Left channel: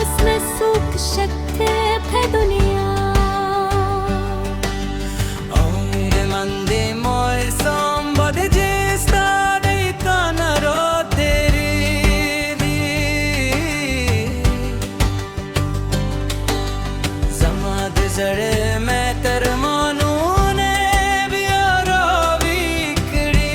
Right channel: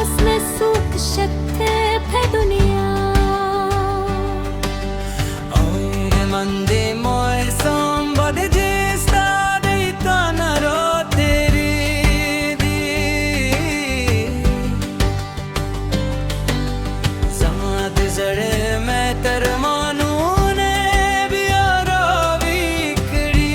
उसमें सुख शक्ति है दुनिया मंदे मोय संबद जिस्ता देता नरो तेरी दी समाद जड़े मैं तरमानू ने बियारो बिकड़ी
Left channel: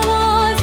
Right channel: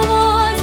आवाज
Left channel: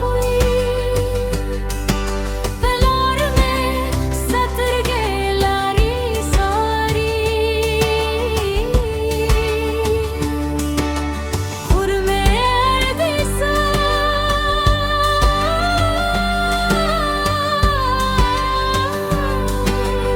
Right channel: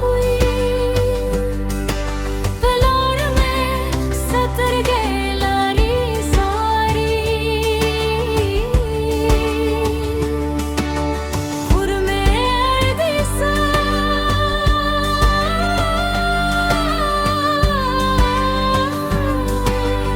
हुई पलार में सतर गेलारी सारी खुर में अर्दिसा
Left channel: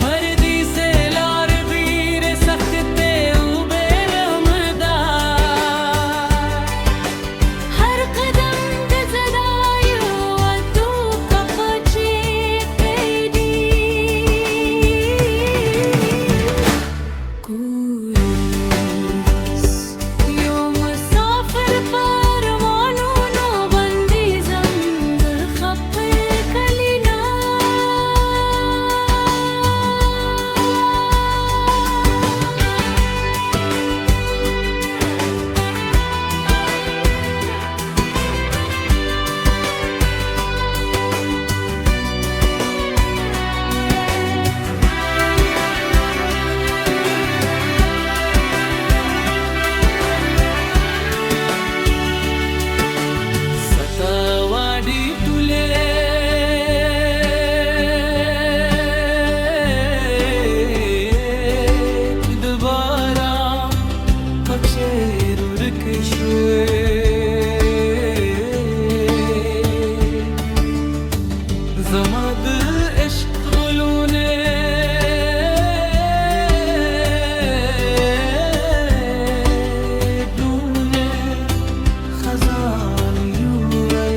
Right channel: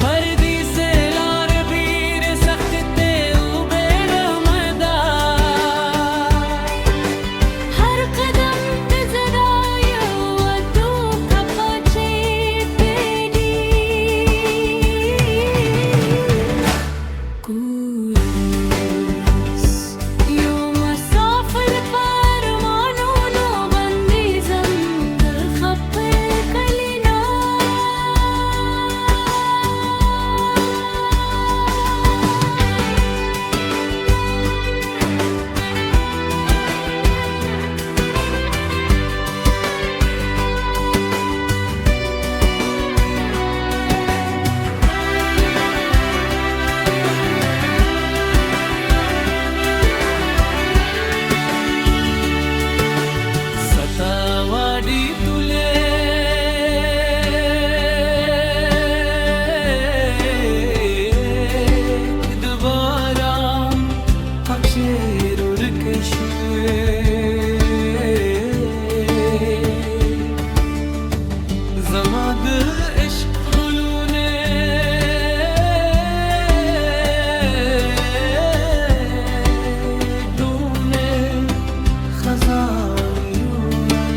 फर्दी से लार बीर सख्त ते उबे रहमदा हर कदम तजदायो अदू कपचे पेडी कूरस यो मुसाफिर परमानूनो बंदी जमद खप कलिना सतावाडी तुले दोबारा पक्षेर उर्केशुए जमाद इश्क गुलूने लूने खजान युवल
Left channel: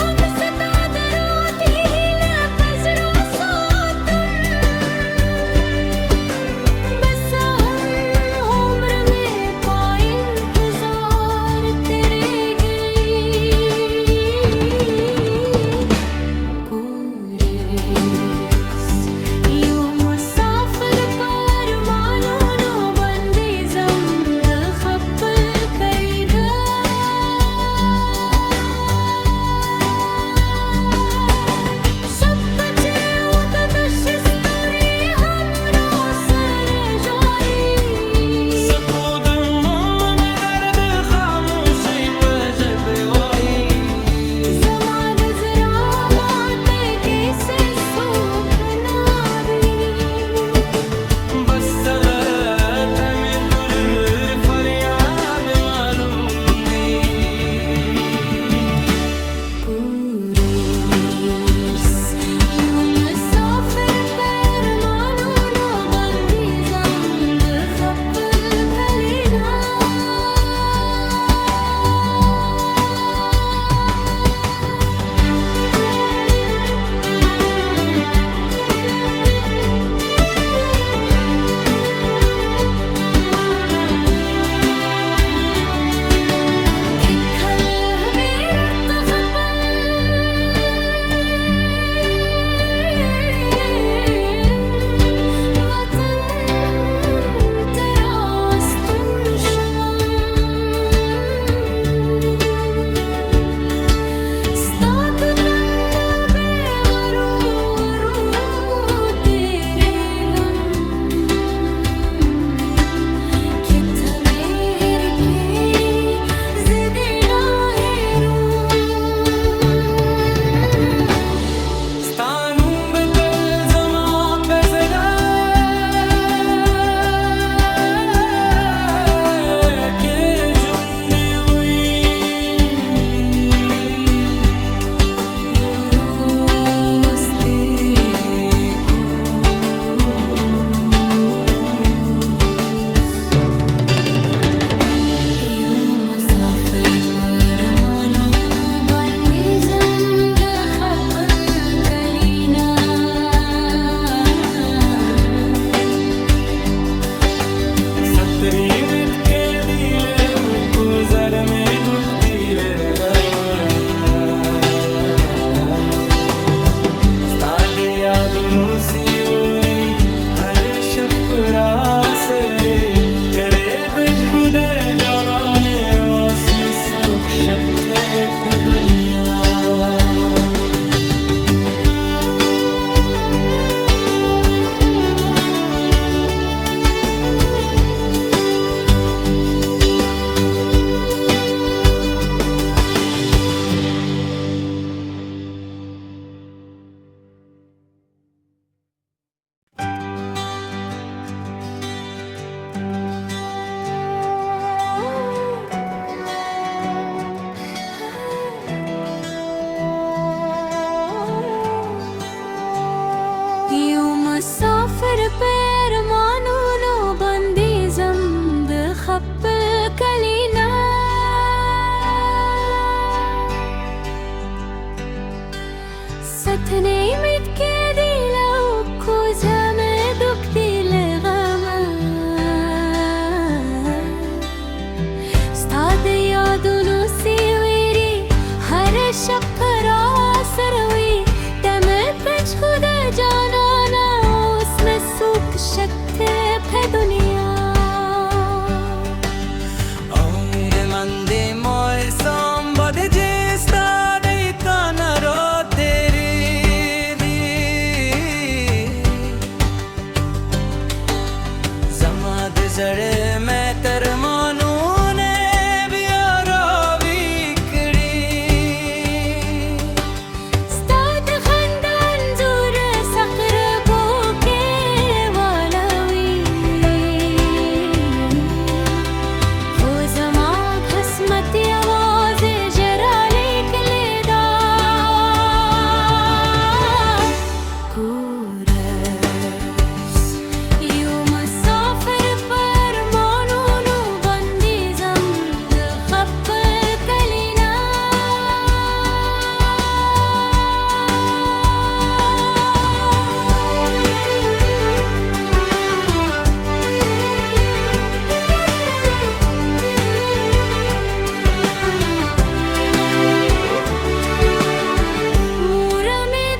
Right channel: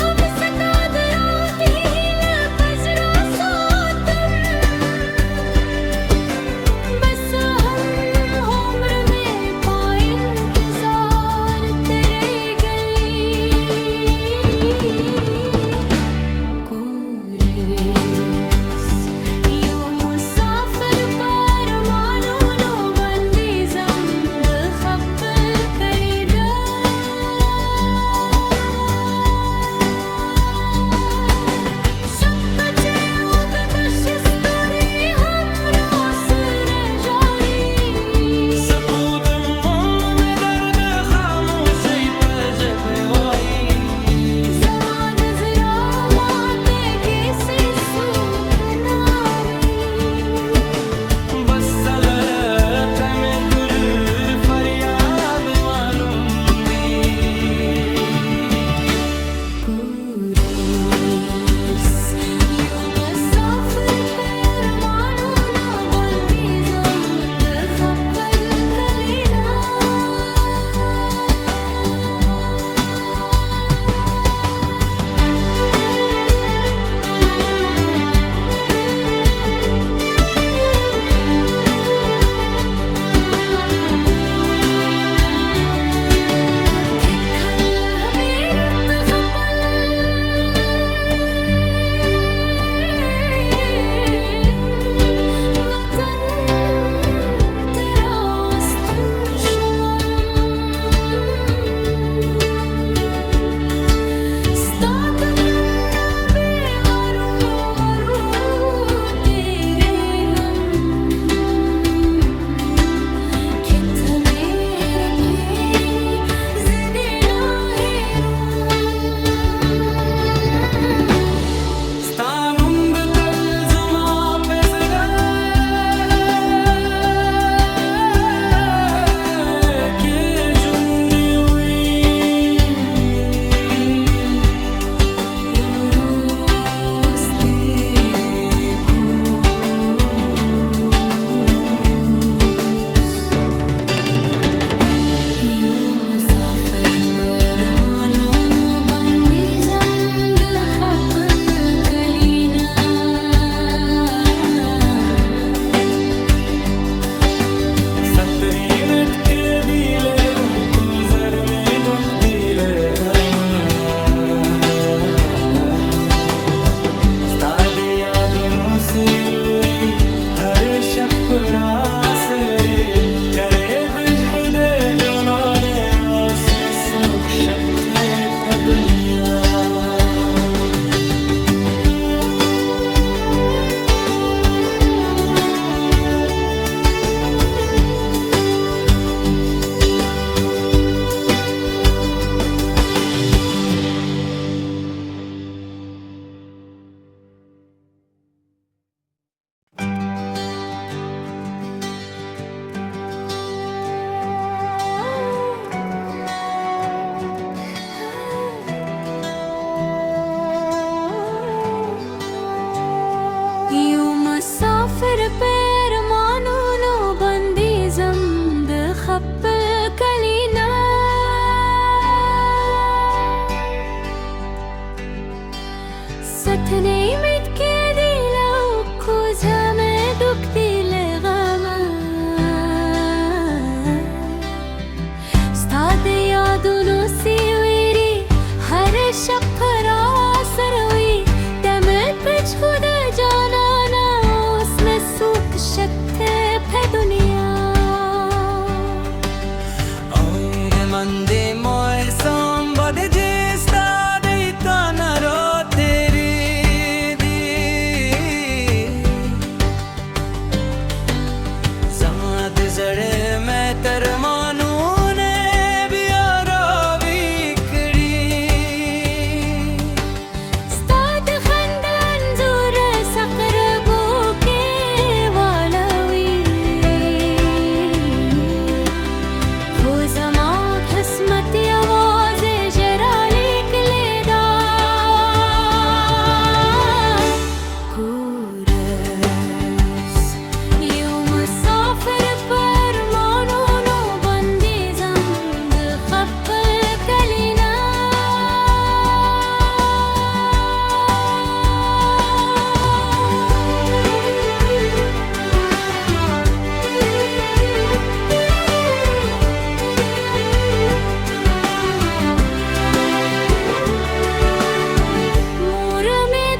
हम सता दरात ही लपजरा सोतम बस हम उम्र में पाए इंतजार तेरे गली को दोनों सिवरी हरे शपरासरे करे बिशुदे जनाने आसमें सुख शक्ति पे दुनिया यूं मुसाफिर पैर मानूनो बंदी जम्द खप्पल कलीना सथने मिट के दिलो खोजा में दुख दिल गमा स्ताद यादों सिवेरी हर शपरा सरवी तमिल पिछ खुद जाना ना उसमें सुख शक्ति है दुनिया Aure mande moi somebody just dei tanaro teri di zamad zare main tarmanu ne biara vikri Ustad खंदन जोर सकर बोके वालवी हो जमा किस्मत आवाज जरा लेक लेदा कुरस यूं मुसाफिर पर मानूनो बंदी जम्द खप्पल कलीना मूर में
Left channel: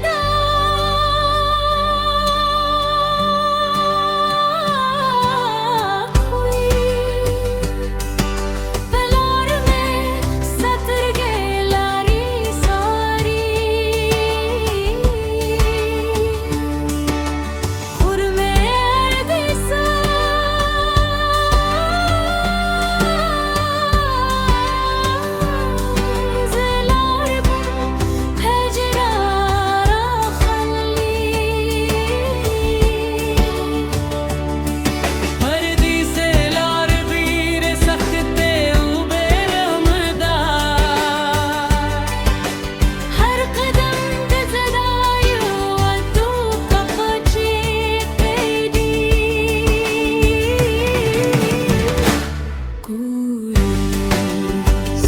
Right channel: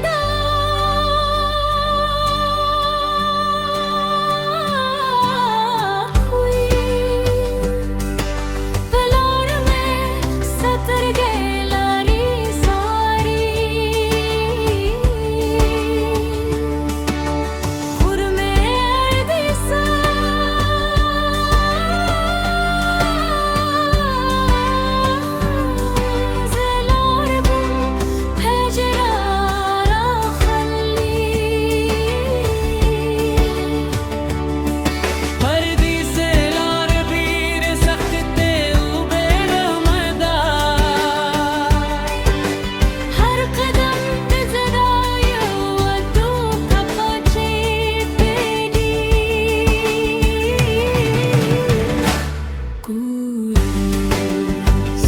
दाग हुई पलार में सतर गेलारी सारी खुर में अर्दिसा ज़लार बुम फजरारा खली Pardi se lar bir sakht te ube rahmadar हर कदम तजदायो अदू कपचे तेरी कुरूस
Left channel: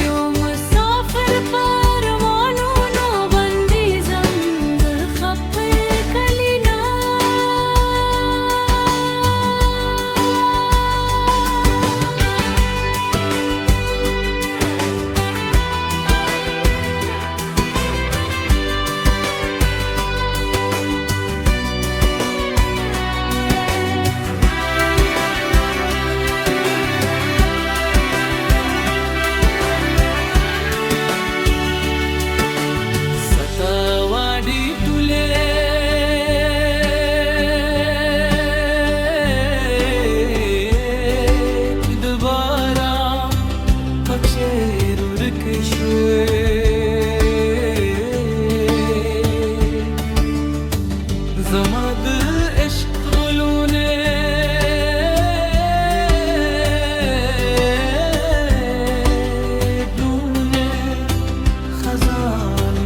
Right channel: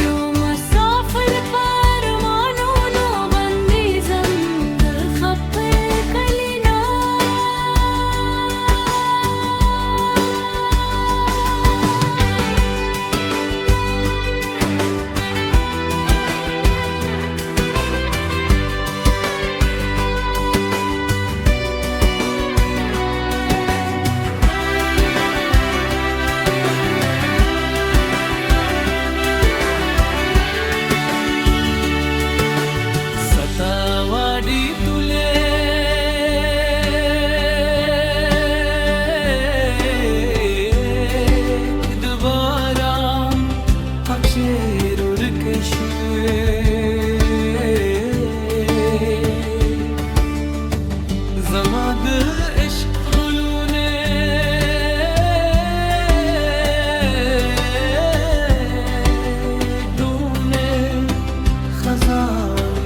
यूं मुसाफिर पर मानूनो बंदी जम्द खप्पल Kalina satawadi tule dubara paksherur keshwe zamad ishq gulune glune khazan